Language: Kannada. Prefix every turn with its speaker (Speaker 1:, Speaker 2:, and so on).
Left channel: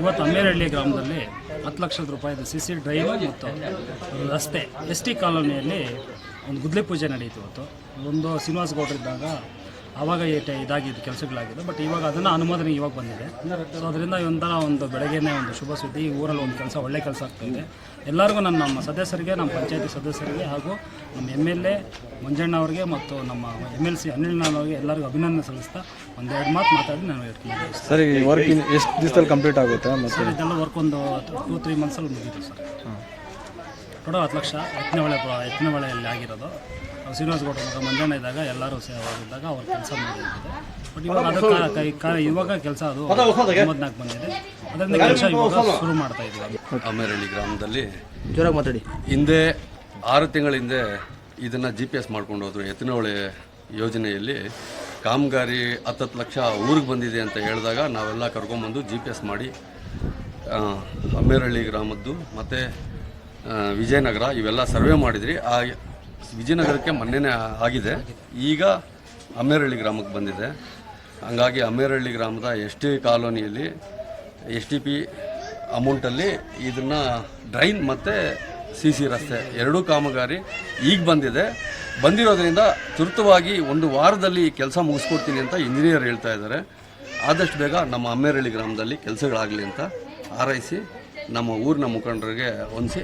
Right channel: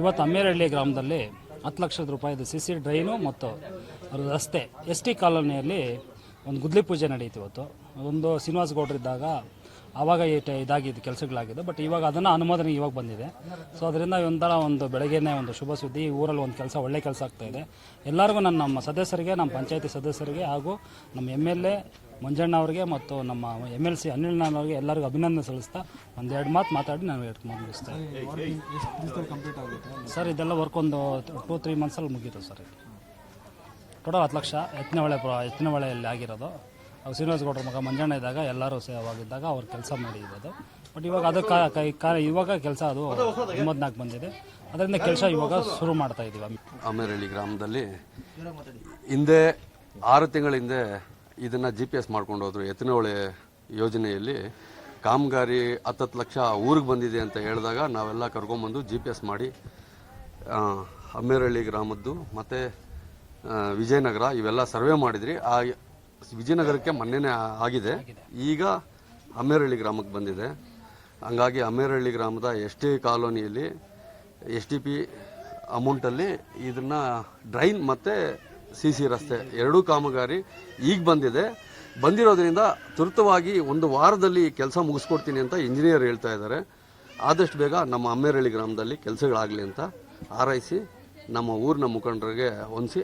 Speaker 1: ಇವತ್ತು ಅಮ್ಮೇನಹಳ್ಳಿ ಗ್ರಾಮದಲ್ಲಿ ಹತ್ತು ಲಕ್ಷದ ರೂಪಾಯಿದು ಸಿ ಸಿ ಡ್ರೈವ್ ಮತ್ತು ರಸ್ತೆ, ಎಸ್ ಟಿ ಕಾಲೋನಿಯಲ್ಲಿ ಒಂದು ಗುದ್ಲಿ ಪೂಜೆ ನಡೆಯಿತು ಇವತ್ತು. ಒಂದು ಶ್ರೀನಿವಾಸ ಹೋಗಿದ್ದಾಗ ಆವಾಗ ಇದಾಗಿದ್ದು ಕೆಲಸಗಳಾಗಿದೆ ಬಟ್ ಇವಾಗ ಅದನ್ನು ಅನುಮೋದನೆ ಇವಾಗ ಬಂದಿದೆ. ಸೊ ಅದರಿಂದ ಒಂಥರ ಒಂದು ಬೆಳಗ್ಗೆನೇ ಒಂದು ಶುಭ ಸುದ್ದಿ ಈ ಊರಲ್ಲಿ ಒಂದು ಕೆಲಸ ಒಳ್ಳೆ ಕೆಲಸ ಆಗ್ತಾಯಿದೆ ಎಲ್ಲರಿಗೂ ನಮ್ಮ ನಮ್ಮ ಸದಸ್ಯರಿಗೆ ನಮ್ಮ ಪಂಚಾಯತಿ ಸದಸ್ಯರಿಗೆ ಹಾಗೂ ನಮ್ಮ ಎಂ ಎಲ್ ಎ ಮಂಜಣ್ಣ ಅವರಿಗೆ ಮತ್ತು ನಮ್ಮ ಎಂ ಎಲ್ ಸಿ ಅನಿಲ್ ಅವ್ರಿಗೆ ಎಲ್ಲರಿಗೂ ಅಭಿನಂದನೆ ಸಲ್ಲಿಸ್ತಾ ಒಂದೆರಡು ಮಾತು ಮಾತಾಡಿ ನಾನು ಇಟ್ಕೊಂಡು
Speaker 2: ಸರ್ ಈ ವರ್ಕ್ ಎಷ್ಟು ದಿವಸದಲ್ಲಿ ಕಂಪ್ಲೀಟ್ ಆಗುತ್ತೆ
Speaker 1: ಸರ್ ಇದೆಲ್ಲ ವರ್ಕ್ ಒಂದು ಟೂ ತ್ರೀ ಮಂತ್ಸಲ್ಲಿ ಮುಗಿತು ಸರ್. ಕೊಡೋ ಹತ್ತು ಲಕ್ಷ ಎತ್ತಿನಹೊಳೆ ಎತ್ತಿನಹೊಳೆಯಲ್ಲಿ ಆಗಿರೋದು. ಅವ್ರು ಶ್ರೀನಿವಾಸ ಗೌಡ ಮಗ ಮಂಜಣ್ಣ ಇದ್ದಾಗ ಎಲ್ಲರೂ ಸೇವಾಗಿದ್ದಾಗ ಅವ್ರು ಕೆಲಸ ಮಾಡಿದ್ದಾರೆ ಬಟ್ ಇವಾಗ ಅದು ಕಾ- ಕಾಲ ಇವಾಗ ಕೆಲಸ ಅದು ಮೂವತ್ನಾಲ್ಕು ಬಂದಿದೆ ಅದರಿಂದ ಕೆಲಸ ಇವಾಗ ಶುರು ಮಾಡ್ತಾ ಇದ್ದೀವಿ.
Speaker 3: ಅಮೇರಳ್ಳಿ ಗ್ರಾಮದಲ್ಲಿ
Speaker 2: ಜೋರಾಗಿ ಮಾತಾಡಿ.
Speaker 3: ಹಿಂದೆ ಆರು ತಿಂಗಳ ಹಿಂದೆ ಇದನ್ನು ಜಿ ಪಿ ಎಸ್ ಮಾಡ್ಕೊಂಡು ಹೋದ್ರು. ಎತ್ತಿನಹೊಳೆ ಯೋಜನೆಯಲ್ಲಿ ಕಾಮಗಾರಿ ಹತ್ತತ್ತು ಲಕ್ಷ ಊರಿಗೆ ಬಂದಿದೆ ಅಂತ ಹೇಳಿದಾಗ ನಾವೆಲ್ಲ ಕರ್ಕೊಂಬಂದು ಜಿ ಪಿ ಎಸ್ ಮಾಡಿ ಅಮ್ಮೇರಳ್ಳಿ ಗ್ರಾಮದ್ದು ಮತ್ತು ವಿಜಯನಗರ ಇವೆಲ್ಲ ಸರ್ವೆ ಮಾಡಿದ್ರಿ. ಆ ವಿಜಯನಗರಕ್ಕೆ ಮೊನ್ನೆನೇ ಆಗಿದೆ. ಈಗ ಅಮ್ಮೇರಳ್ಳಿ ಗ್ರಾಮಕ್ಕೆ ಬಂದಿದೆ. ಹಂಗಾಗಿ ಅಮ್ಮೇರಹಳ್ಳಿ ಗ್ರಾಮದ ಎಸ್ ಟಿ ಕಾಲೋನಿಯಲ್ಲಿ ಎಸ್ ಟಿ ಪಿ ಅಮೌಂಟಲ್ಲಿ ಇದನ್ನು ಡ್ರೈನ್ ಮತ್ತು ಸಿ ಸಿ ರಸ್ತೆ ಎರಡೂ ಕಾಮಗಾರಿ ಈಗ ಬಂದಿದೆ. ಬಂದಿರೋದ್ರಿಂದ ತುರ್ತವಾಗಿ ಒಂದು ವಾರದಲ್ಲಿ ಕೆಲಸ ಮುಗಿಸ್ಕೊಡ್ತೀನಿ ಅಂತ ಇಂಜಿನಿಯರ್ ಹೇಳ್ತಾ ಇದ್ದಾರೆ. ಆದಷ್ಟು ಬೇಗ ನಮ್ಮ ಅಮ್ಮೇರಳ್ಳಿ ಗ್ರಾಮದಲ್ಲಿ ಕೆಲಸಗಳಾಗಲಿ ಅಂತ ಹಾರೈಸಿ ನಮ್ಮ ಊರಿನ ಮುಖಂಡರಿಗೆ ಹೊಂದಿಸಿ